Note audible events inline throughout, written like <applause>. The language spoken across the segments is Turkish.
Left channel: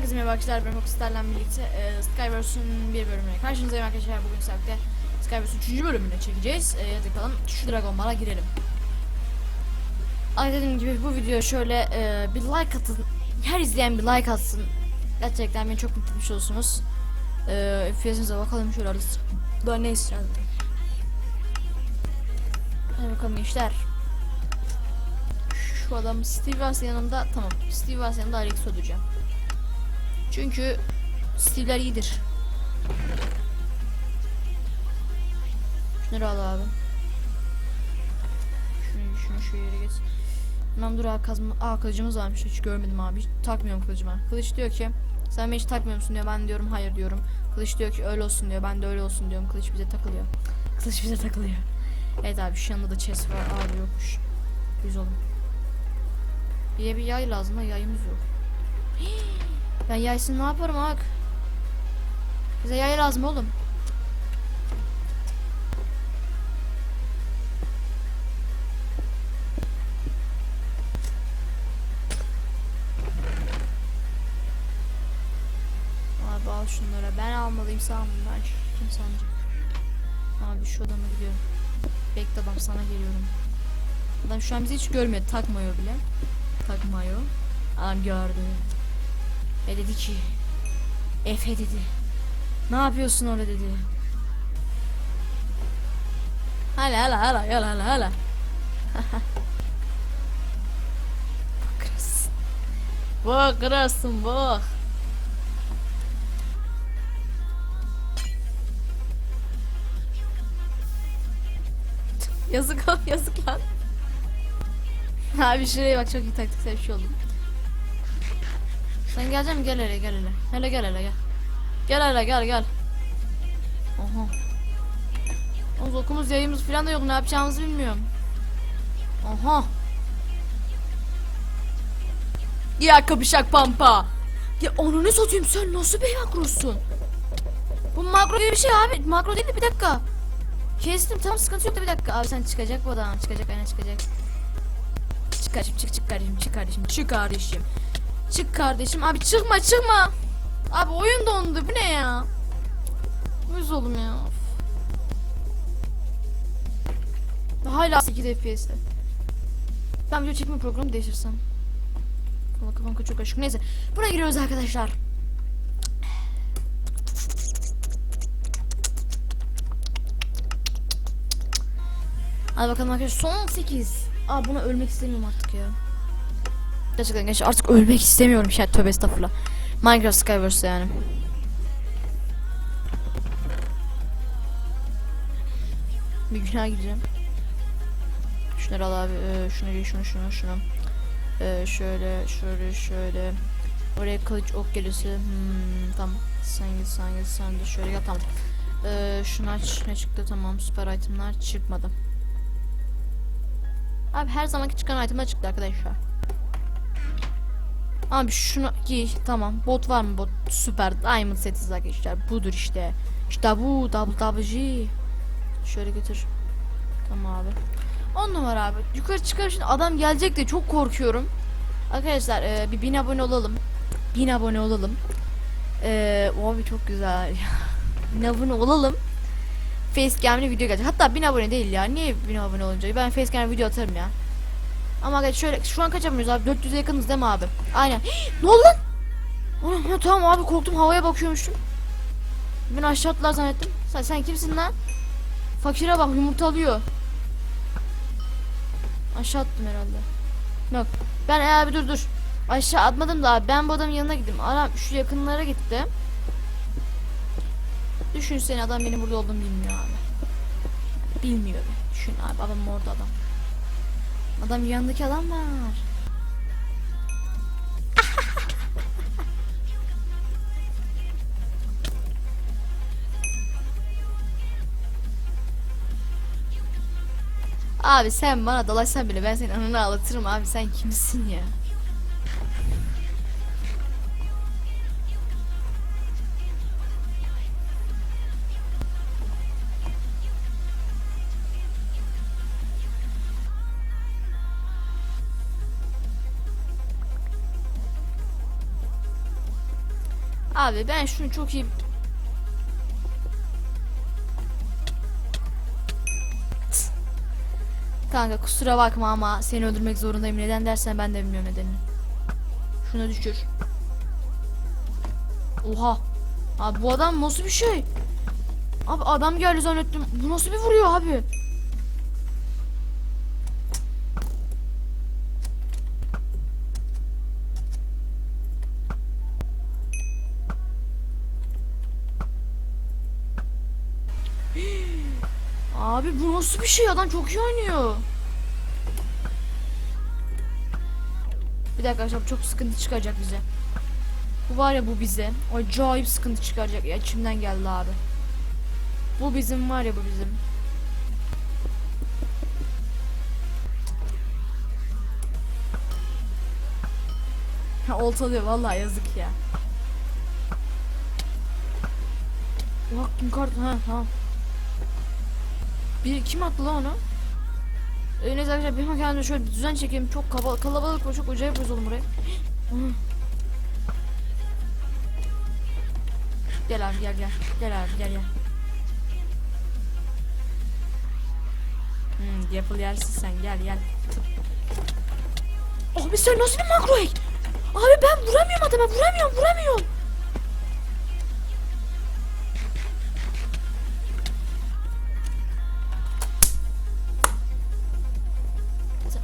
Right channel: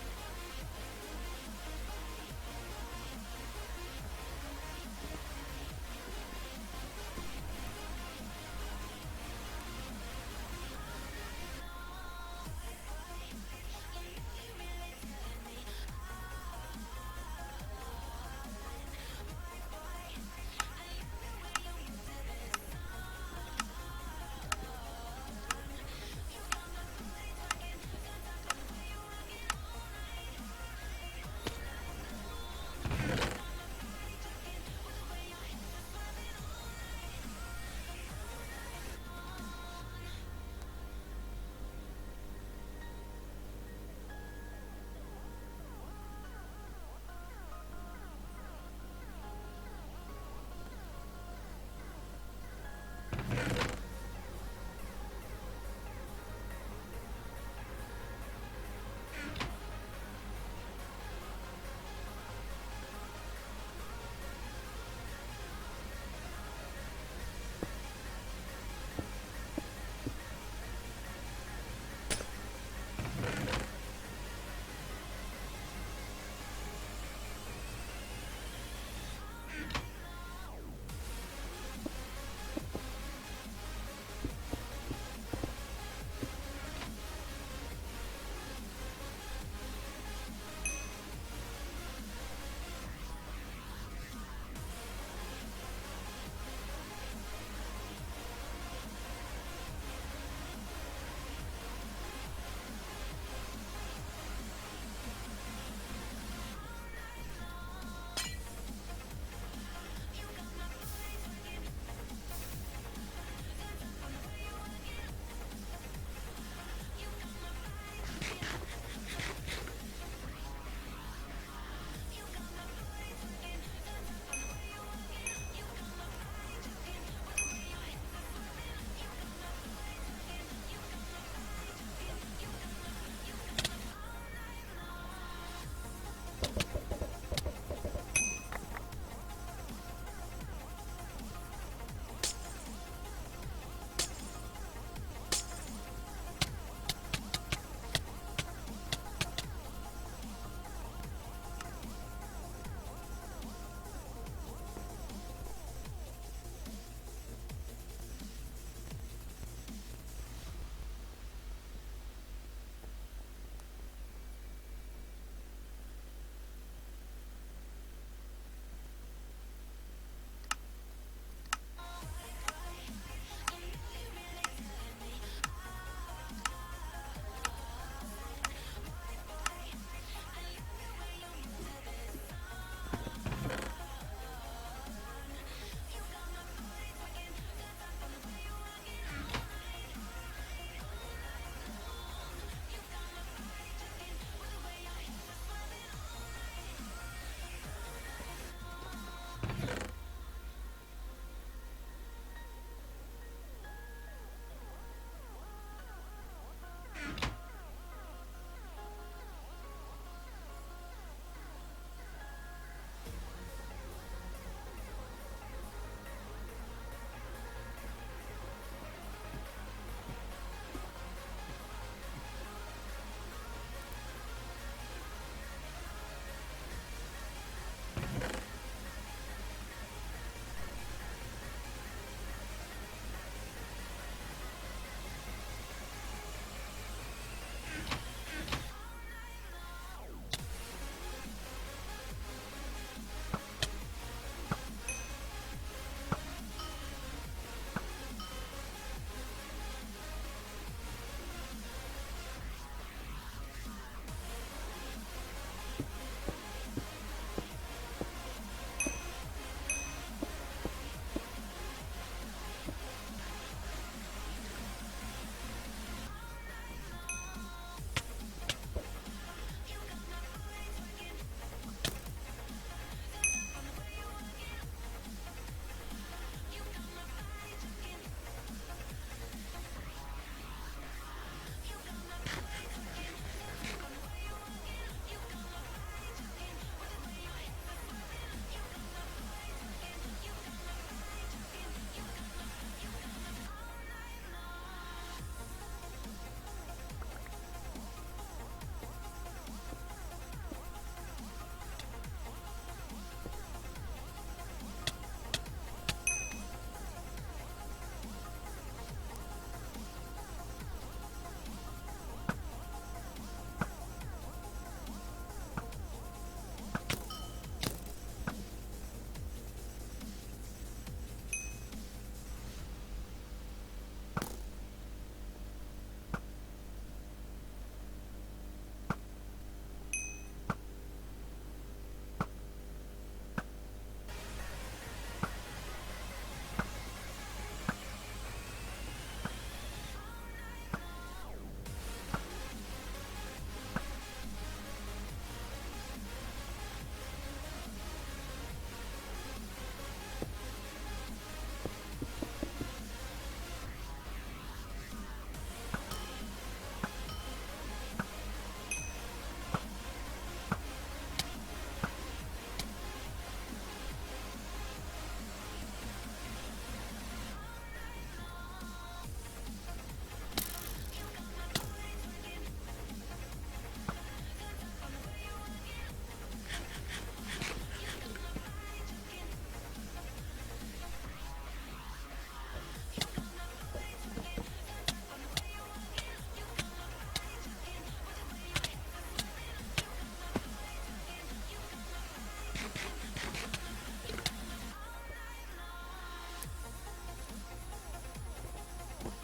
Herkese merhaba arkadaşlar ben Rockstar'la birlikte e, Skyverse'ün bir bölümüne karşınızdayım arkadaşlar. Bugün saatte Skyverse'ün 3. bölümünü çekeceğiz. E, hadi bakalım şu Dragon Ball'a girelim. Ay dediğim gibi bu videoya şöyle e, bir like atın. Her izleyen bir like atsın. Gerçekten beni çok mutlu olursunuz. E, FPS'inize bakalım şöyle arası. Daha ne istiyorum Hadi bakalım gençler. Şu adam Steve Vance yanımda tamam. Steve Vance yanımda Alex olacağım çünkü Steve'ler iyidir. Şunları al abi. Şunu, şunu şu yere geç. Lan dur kazma. Aa kılıcımız varmış hiç görmedim abi. Hiç takmıyorum kılıcıma. Kılıç diyor ki sen beni hiç takmıyor musun diyor. Ben diyorum hayır diyorum. Kılıç diyor ki öyle olsun diyor. Ben de öyle olsun diyorum. Kılıç bize takılıyor. Kılıç bize takılıyor. Evet abi şu yanında da chest var. Abi yokmuş. Yüz olun. Bir bir yay lazım da yayımız yok. <gasps> <gasps> Ben yaysın ne yaparım ak? Bize yay lazım oğlum. Abi al şunları. Ben almalıyım sen bunlar. Kim sen? Abi şu adamı diyor. Bekle bak sana geliyorum. Adam şu an bizi hiç görmüyor. Takmıyor bile. Takmıyor. An gördü. E dedi ki Efe dedi Ne yapıyorsun öyle dedi. Hala hala hala hala hala hala. <laughs> Kırasın. Bak kırasın bak Yazık <laughs> yazık lan. Abi şuraya bak çok iyi taktiksel bir şey oldu sen geleceksin gel hele gel hele. Hele gel hele gel. Gel hele gel gel. Oha. Oğlum okumuz yayımız falan da yok ne yapacağımızı bilmiyorum. Oha. Ya kapışak pampa. Ya onu ne satayım sen nasıl bir makrosun? Bu makro gibi bir şey abi. Makro değil de bir dakika. Kestim tamam sıkıntı yok da bir dakika. Abi sen çıkacak bu adam. Çıkacak aynen çıkacak. Çık kardeşim çık çık kardeşim çık kardeşim çık kardeşim. Çık kardeşim. Abi çıkma çıkma. Abi oyun dondu. Bu ne ya? Uyuz oğlum ya. Hala 8 FPS'te. Ben video çekme programı değiştirsem. Kafam kafam çok açık. Neyse. Buna giriyoruz arkadaşlar. Hadi bakalım arkadaşlar. Son 8. Aa buna ölmek istemiyorum artık ya. Gerçekten gençler artık ölmek istemiyorum şey tövbe estağfurullah. Minecraft Skyverse yani. Bir günah gideceğim. Şunları al abi. Ee, şunu giy, şunu şunu şunu. Ee, şöyle şöyle şöyle. Oraya kılıç ok gelirse. Hmm, tamam. Sen sen sen de şöyle gel tamam. Ee, şunu aç. Ne çıktı tamam. Süper itemler çıkmadı. Abi her zamanki çıkan itemler çıktı arkadaşlar. Abi şunu giy tamam. Bot var mı? Bot. Süper. Diamond setiz arkadaşlar budur işte. İşte bu WWG şöyle götür. Tamam abi. On numara abi. Yukarı çıkar şimdi adam gelecek de çok korkuyorum. Arkadaşlar e, bir bin abone olalım. Bin abone olalım. E, abi çok güzel. <laughs> Bin abone olalım. Facecam'li video gelecek. Hatta bin abone değil ya. Niye bin abone olunca? Ben Facecam video atarım ya ama şöyle şu an kaç yapmıyoruz abi 400'e yakınız değil mi abi? Aynen. <gasps> ne oldu lan? Ana, ha, tamam abi korktum havaya bakıyormuşum. Ben aşağı attılar zannettim. Sen, sen kimsin lan? Fakire bak yumurta alıyor. Aşağı attım herhalde. Yok. Ben e, abi dur dur. Aşağı atmadım da abi. Ben bu adamın yanına gittim. Adam şu yakınlara gitti. Düşün seni adam benim burada olduğumu bilmiyor abi. Bilmiyor. Düşün abi adam orada adam. Adam yanındaki adam var. abi sen bana dalaşsan bile ben senin anını ağlatırım abi sen kimsin ya? Abi ben şunu çok iyi Kanka kusura bakma ama seni öldürmek zorundayım. Neden dersen ben de bilmiyorum nedenini. Şuna düşür. Oha. Abi bu adam nasıl bir şey? Abi adam geldi zannettim. Bu nasıl bir vuruyor abi? Abi bu nasıl bir şey? Adam çok iyi oynuyor. Bir dakika arkadaşlar çok sıkıntı çıkacak bize. Bu var ya bu bize. Acayip sıkıntı çıkaracak. Ya içimden geldi abi. Bu bizim var ya bu bizim. Ha oltalıyor vallahi yazık ya. Bak kim kartı ha tamam. Bir kim attı lan onu? Ee, neyse arkadaşlar bir kendime şöyle bir düzen çekeyim. Çok kaba, kalabalık ve çok acayip bozuldu buraya. Gel abi gel gel. Gel abi gel gel. Hmm, yapıl yersin sen gel gel. Abi sen nasıl bir makro hack? Abi ben vuramıyorum adama vuramıyorum vuramıyorum.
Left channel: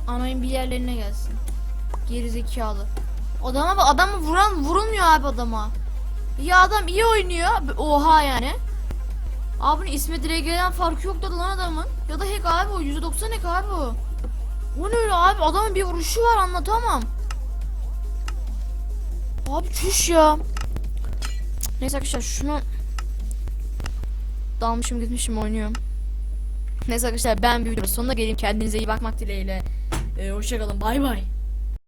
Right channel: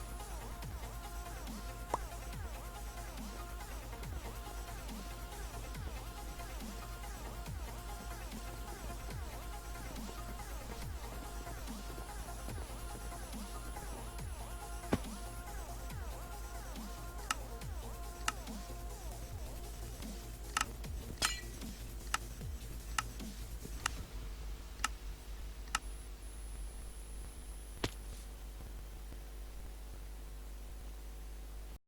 Anayın bir yerlerine gelsin. Geri zekalı. Adama bak adamı vuran vurulmuyor abi adama. Ya adam iyi oynuyor. Oha yani. Abinin ismi Drage'den farkı yok da lan adamın. Ya da hack abi o. %90 hack abi o. O ne öyle abi? Adamın bir vuruşu var anlatamam. Abi çüş ya. Neyse arkadaşlar şunu dalmışım gitmişim oynuyorum. Neyse arkadaşlar ben bir videonun sonuna geleyim. Kendinize iyi bakmak dileğiyle. Ee, hoşçakalın. Bay bay.